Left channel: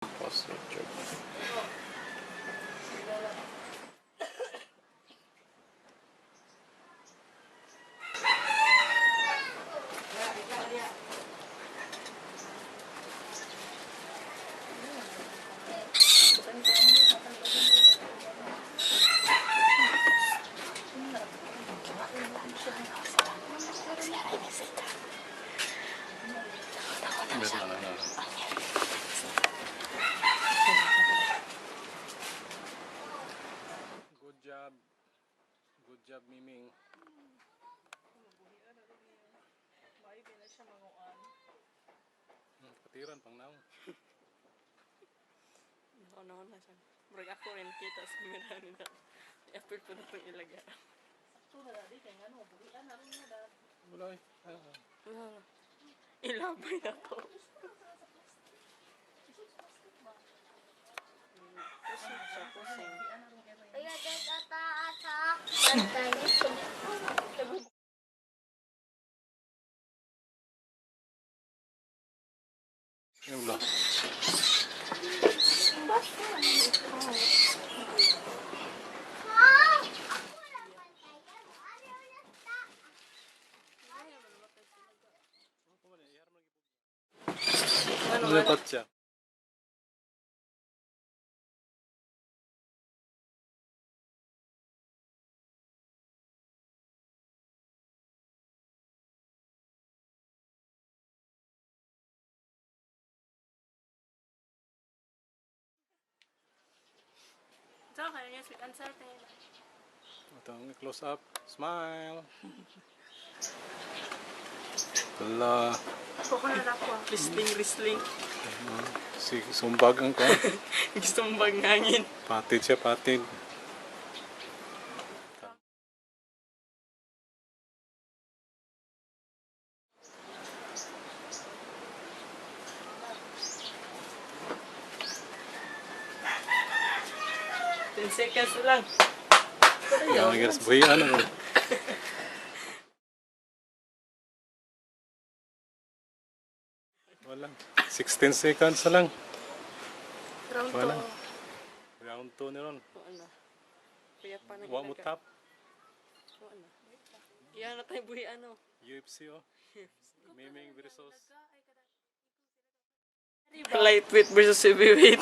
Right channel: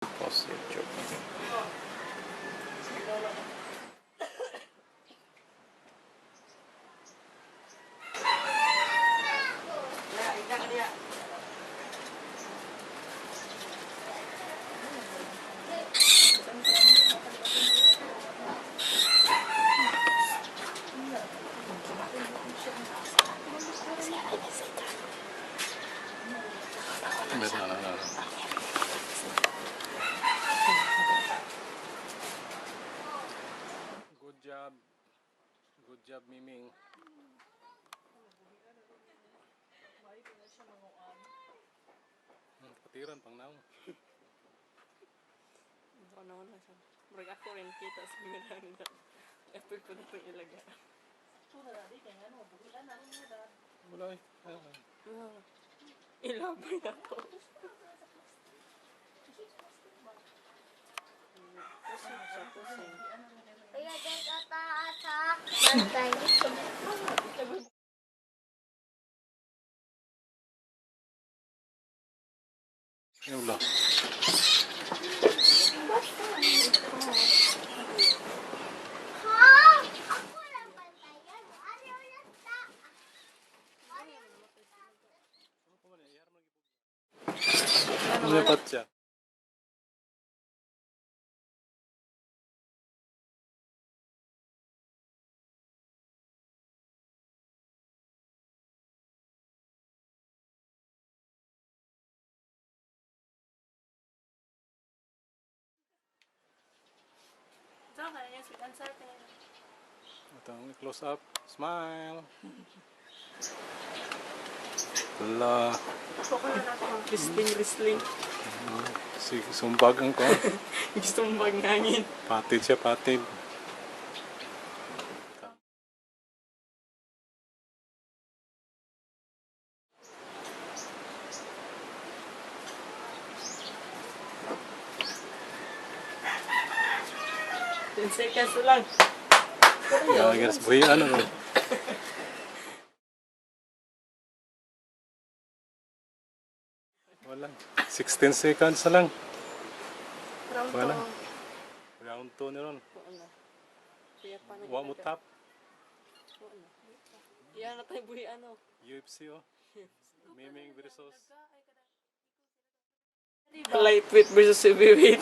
Post YouTube. No. Good job. Good job, Miming. Patiran pang naong. Ano na siya. Murag ako rin kita sa mira nila. I-apil ko na itong ilaga. Sakto na dadi, kaya nga buhian na rin mo dad. Wala eh. Ilabay na to. Kaya dyan kataas ha. Bantay. Yung wala. Ha? Ako lang bantayan. Ano lang ta? Lupat siya. So, kaya niya sweet and sour tingin lang. Itong close up. Smile. Wala. Ako na lang ko. Wrestling. Si sumbag ang ko. Gusto mong bagngangin. Patid siya, patid. Ten seconds lang. Gagawin sa buhay ano. Wala. 16 seconds na lang. Round Wala. 2. Round 2 na ron. Wala. Kuya pa na Wa mo tap. Wala. Iyan na tayo buhi ano. UFC oh. Miming versus. Lightweight versus heavyweight.